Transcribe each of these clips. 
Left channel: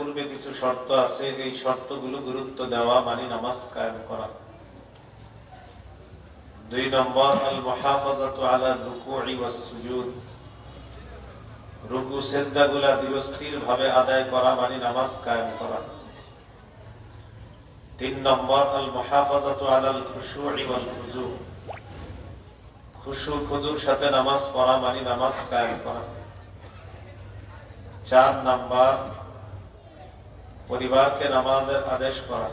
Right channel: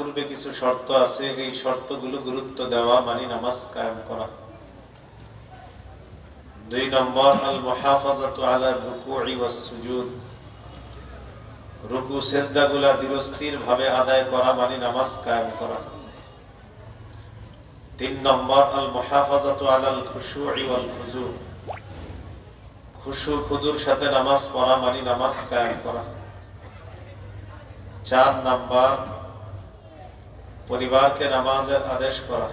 পূর্বে কিছু শর্ত আছে, এই শর্তগুলো গুরুত্ব দেওয়া মানে নামাজ কায়েম করা। 2 নম্বর আল মুহাফাজাতু আলা রুকুই ওয়াস সুজুদ, রুকু সিজদাগুলো ধীরস্থির ভাবে আদায় করা মানে নামাজ কায়েম করা। 3 নম্বর আল মুহাফাজাতু আলাল খুশুই ওয়াল খুজু, খুশু খুজুর সাথে নামাজ পড়া মানে নামাজ কায়েম করা। 4 নম্বর পরিবারকে নামাজের আদেশ করা।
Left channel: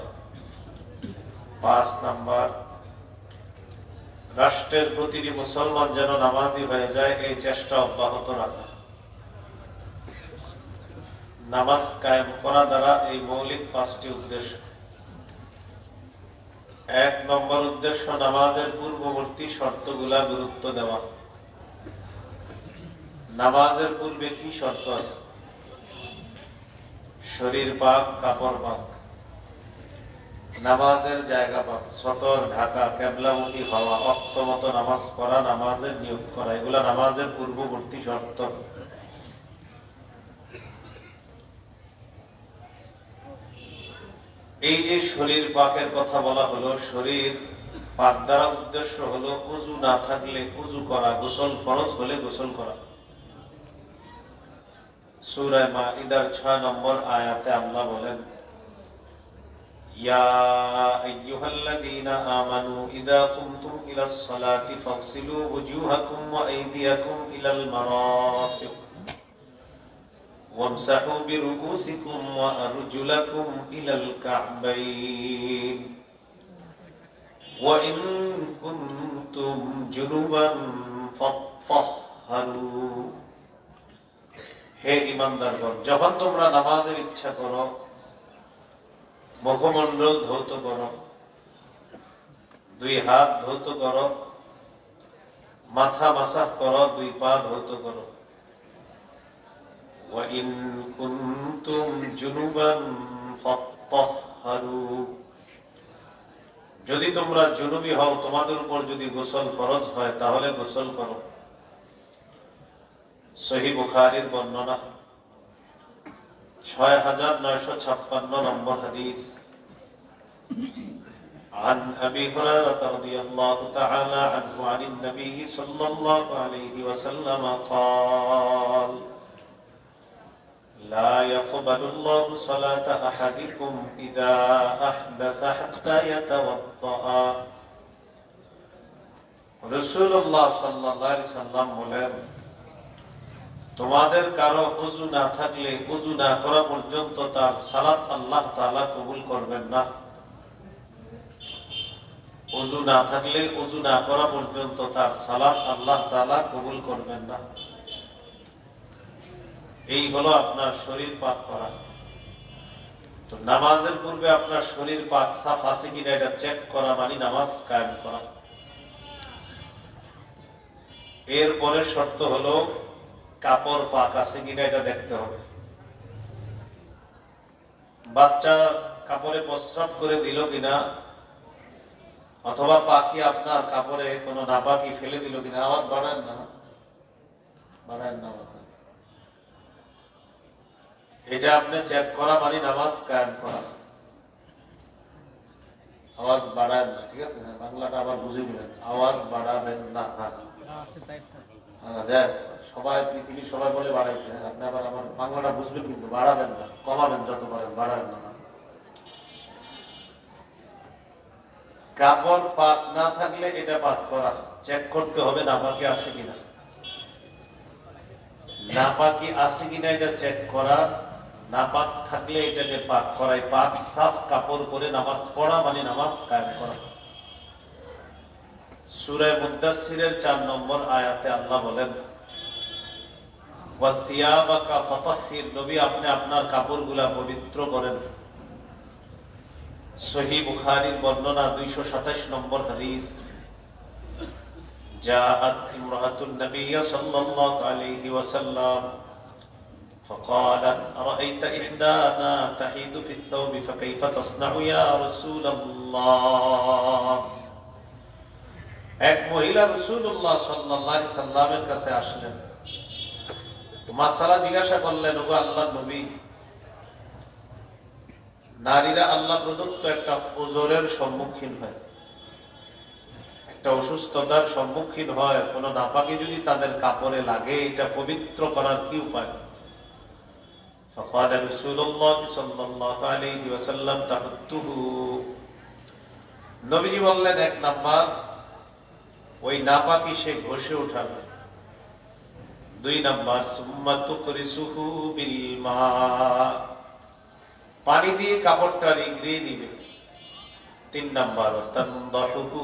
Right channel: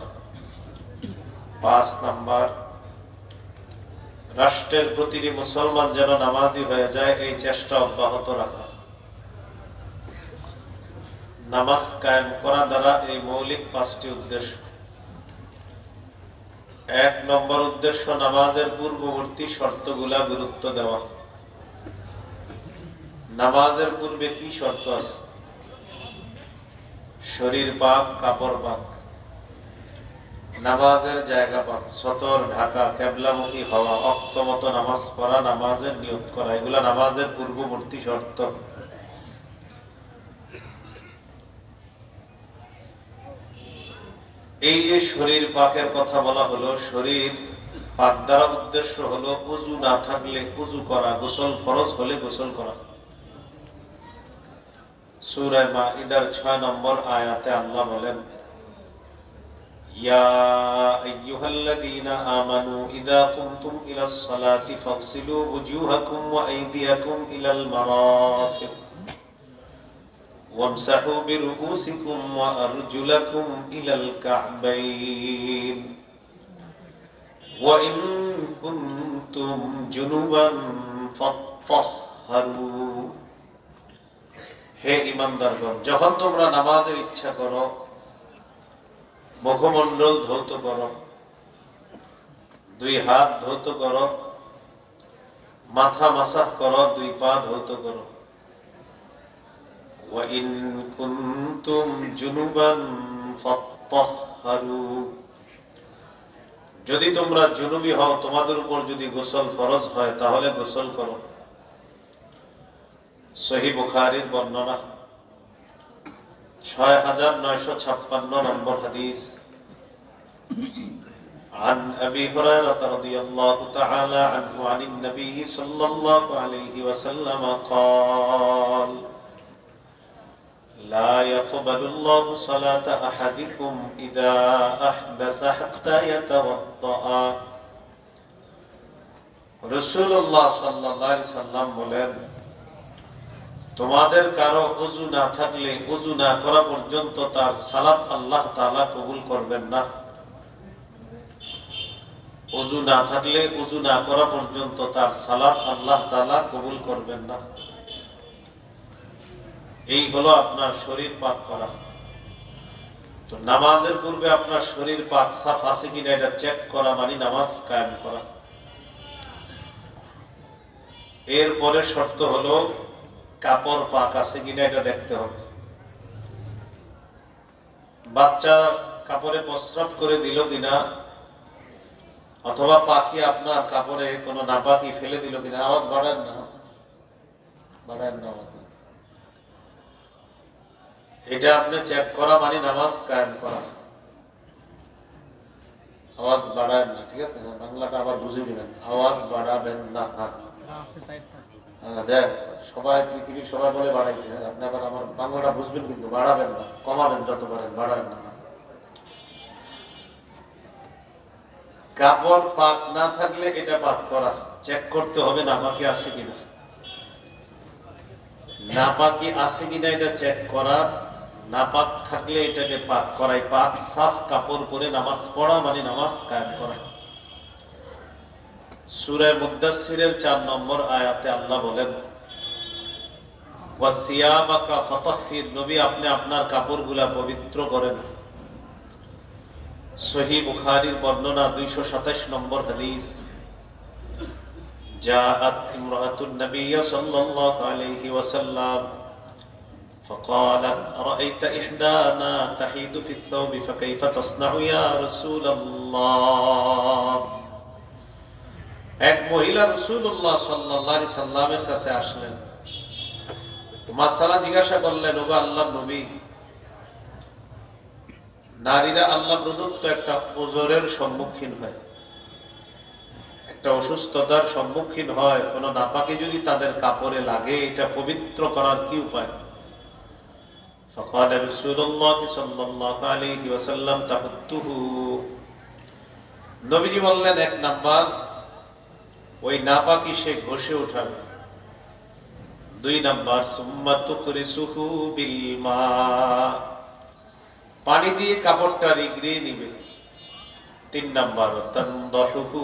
5 নম্বর রাষ্ট্রের প্রতিটি মুসলমান যেন নামাজি হয়ে যায়, এই চেষ্টা অব্যাহত রাখা। নামাজ কায়েম করা দ্বারা এই মৌলিক 5টি উদ্দেশ্য। 1 নম্বর উদ্দেশ্য নামাজের পূর্ববর্তী শর্তগুলা গুরুত্ব দেওয়া। নামাজের পূর্বে কি শর্ত আছে? শরীর পাক, কাপড় পাক, নামাজের জায়গা পাক, সতর ঢাকা, কেবলামুখী হওয়া, অক্ত মতো নামাজ পড়া, নামাজের নিয়ত করা, এগুলা নামাজের পূর্ববর্তী শর্ত। এই যে শরীর পাকের কথা বলা হলো, শরীর পাক দ্বারা উদ্দেশ্য হলো উযু না থাকলে উযু করা, গোসল ফরজ হলে গোসল করা। সূরা মাইদার 6 নম্বর আয়াতে আল্লাহ বলেন, ইয়া আইয়ুহাল্লাযীনা আমানু ইযা কুমতুম ইলাস সালাতি ফাগসিলু ওয়ুজুহাকুম ওয়া আইদিয়াকুম ইলাল মারাফিক ওয়ামসাহু বিরুউসিকুম ওয়া আরজুলাকুম ইলাল কা'বাইন ওয়া ইন কুনতুম জুনুবান ফাত্তাহহারু। হে ঈমানদারগণ, যখন তোমরা নামাজের ইচ্ছা করো, মুখমণ্ডল ধৌত করো, 2 হাত ধৌত করো, মাথা মাসাহ করো, 2 পা ধৌত করো। ওয়া ইন কুনতুম জুনুবান ফাত্তাহহারু, যদি তোমরা জুনুবী হও, তোমাদের উপর যদি গোসল ফরজ হয়, তাহলে গোসল করো। সহিহ বুখারীর বর্ণনা 6956 নম্বর হাদিস। عن أبي هريرة رضي الله تعالى عنه عن النبي صلى الله عليه وسلم قال لا يقبل الله صلاة أحدكم إذا أحدث حتى يتوضأ। রাসূলুল্লাহ সাল্লাল্লাহু আলাইহি সাল্লাম বলেন, তোমাদের কারো ওযু না থাকলে ওযু না করা পর্যন্ত তার সালাত আল্লাহ তাআলা কবুল করবেন না। ওযু না থাকলে ওযু না করা পর্যন্ত তার সালাত আল্লাহ তাআলা কবুল করবেন না। এই হলো আপনার শরীর পাক করা। তো নামাজের পূর্বে আপনার শরীর পাক সাফ আছে কিনা এটা চেক করা মানে নামাজ কায়েম করা। এরপরে শর্ত হলো কাপড় পাক আছে কিনা এটা দেখতে হবে। বাচ্চা কাপড়ে প্রস্রাব করে দিল কিনা, অথবা পাখি আপনার কাপড়ে কোনো নাপাকি ফেলে দিল কিনা। আওয়াজ বাড়ান না, বাড়ান না। এটা আপনি চেক করা মানে নামাজ কায়েম করা। আওয়াজ বাড়ান না, ঠিক আছে? বাংলাটা আবার বুঝে দিবেন, আওয়াজ বাড়াবেন না। সবাই পৃথিবীর সবাই বলে বাড়াইছে, আপনি আবার আমার বাংলাটা বুঝবেন, কিন্তু বাড়াবেন না, কমাবেন যত পারেন, বাড়াবেন না। কাপড় পাক না থাকলে এটা পাক করা, চেক করতে হবে নাপাকি আছে কিনা। নাপাকি আছে কিনা এটা চেক করা, নাপাক থাকলে এটাকে পাক করাই। পাক সাফ কাপড় পরে নামাজ পড়া মানে নামাজ কায়েম করা। সূরা মুদ্দাসসিরের 4 নম্বর আয়াতে আল্লাহ বলেন, ওয়া থিয়াবাকা ফাতাহহির, নবী আপনি আপনার কাপড়গুলা পবিত্র করেন। সহিহ বুখারীর বর্ণনা 227 নম্বর হাদিস। জাআত ইমরাতুন নবী সাল্লাল্লাহু আলাইহি ওয়াসাল্লাম فقالت أرأيت إحدانا تحيض في الثوب فكيف تصنع يا رسول الله। এক মহিলা রাসূলুল্লাহ সাল্লাল্লাহু আলাইহি সাল্লামের কাছে আসলেন, মাসালা জিজ্ঞাসা করলেন, ওগো আল্লাহর নবী, নারীরা আল্লাহ প্রদত্ত একটা ওজরের সম্মুখীন হয়, একটা অসুস্থতার সম্মুখীন হয়, কোন নাপাকি যদি তাদের কাপড়ে লাগে, এটা পবিত্র করার কি উপায়? فقال رسول الله صلى الله عليه وسلم تحته, নবীজি বললেন, এক নাম্বার ওই নাপাকি সে ঘষে উঠাবে। 2 নাম্বার সুম্মা তুকরিসুহু বিল মা, পানি দিয়ে কাপড়টা রিগড়িয়ে নিবে। 3 নাম্বার তানদাহুহু,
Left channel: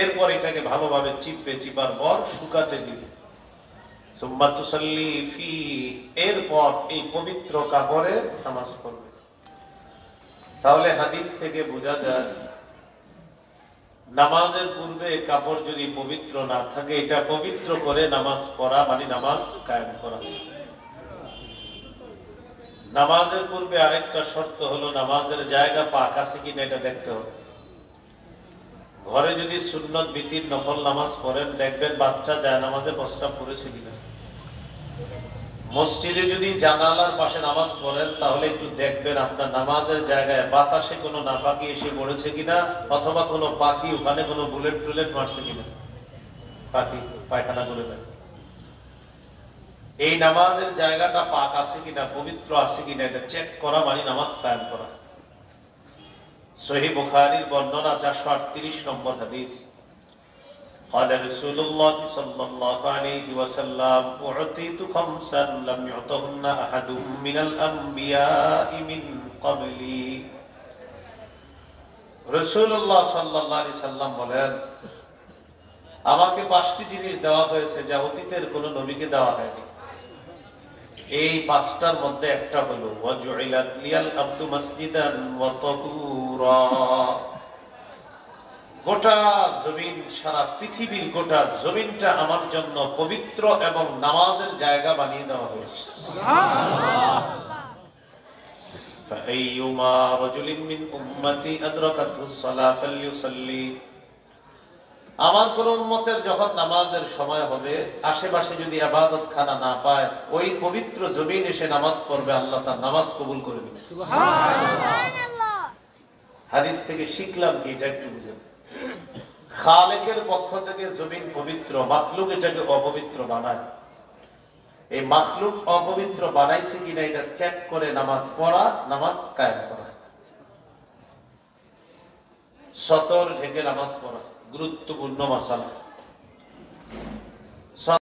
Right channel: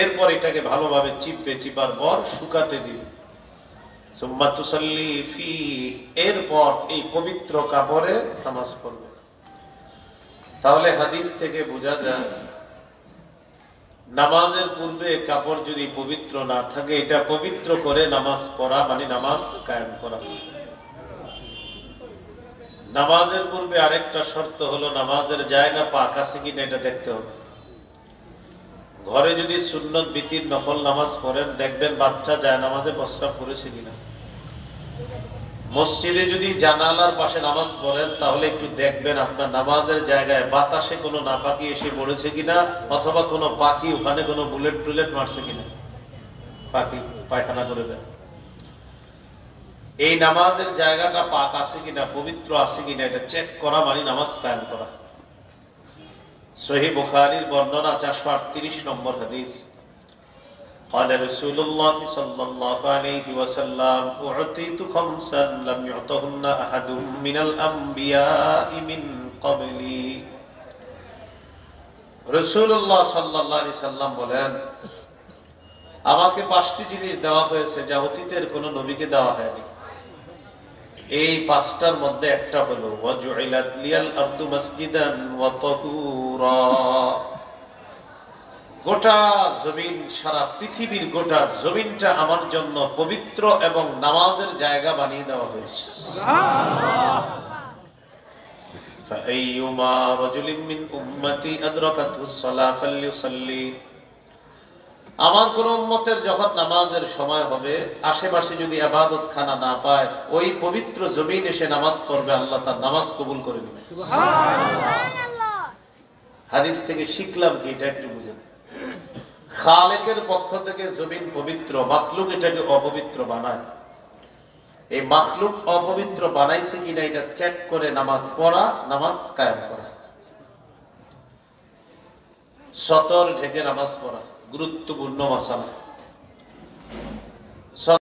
এরপর এটাকে ভালোভাবে চিপার পর শুকাতে দিবে। সুম্মা তুসাল্লি ফি, এরপর এই পবিত্র কাপড়ে নামাজ পড়বে। তাহলে হাদিস থেকে বোঝা যায় নামাজের পূর্বে কাপড় যদি পবিত্র না থাকে, এটা পবিত্র করে নামাজ পড়া মানে নামাজ কায়েম করা। নামাজের পূর্বে আরেকটা শর্ত হলো নামাজের জায়গা পাক আছে কিনা এটা দেখতে হবে। ঘরে যদি সুন্নত বিতির নফল নামাজ পড়েন, দেখবেন বাচ্চা যায় নামাজে প্রস্রাব করেছে কিনা। মসজিদে যদি জানালার পাশে নামাজ পড়েন, তাহলে একটু দেখবেন আপনার নামাজের জায়গায় বাতাসে কোনো নাপাকি এসে পড়েছে কিনা, অথবা কোনো পাখি ওখানে কোনো বুলেট টুলেট মারছে কিনা, পাখি পায়খানা করে দেয়। এই নামাজের জায়গাটা পাক আছে কিনা, পবিত্র আছে কিনা, এটা চেক করা মানে নামাজ কায়েম করা। সহিহ বুখারীর বর্ণনা 438 নম্বর হাদিস। قال رسول الله صلى الله عليه وسلم أعطيت خمسا لم يعطهن أحد من الأنبياء من قبلي। রাসূলুল্লাহ সাল্লাল্লাহু আলাইহি সাল্লাম বলেন, আমাকে 5টি জিনিস দেওয়া হয়েছে যা অতীতের কোন নবীকে দেওয়া হয়নি। এই 5টার মধ্যে একটা হলো ওয়াজুইলাত লিয়াল আরদু মাসজিদান ওয়া তাহুরা, গোটা জমিন, সারা পৃথিবীর গোটা জমিনটা আমার জন্য পবিত্র এবং নামাজের জায়গা বানিয়ে দেওয়া হয়েছে। فأيما رجل من أمتي أدركته الصلاة فليصلي, আমার কোন উম্মতের যখন নামাজের সময় হবে, আশেপাশে যদি ইবাদত খানা না পায়, ওই পবিত্র জমিন এসে নামাজ পড়বে, আল্লাহ তার নামাজ কবুল করে নেবে। সুবহানাল্লাহ। হাদিস থেকে শিখলাম কি, এটা একটু বুঝুন। খালেকের পক্ষ থেকে জমিন পবিত্র, মাখলুক এটাকে অপবিত্র বানায়। এই মাখলুক অপবিত্র বানাইছে কিনা এটা চেক করে নামাজ পড়া, নামাজ কায়েম করা। সতর ঢেকে নামাজ পড়া গুরুত্বপূর্ণ মাসালা।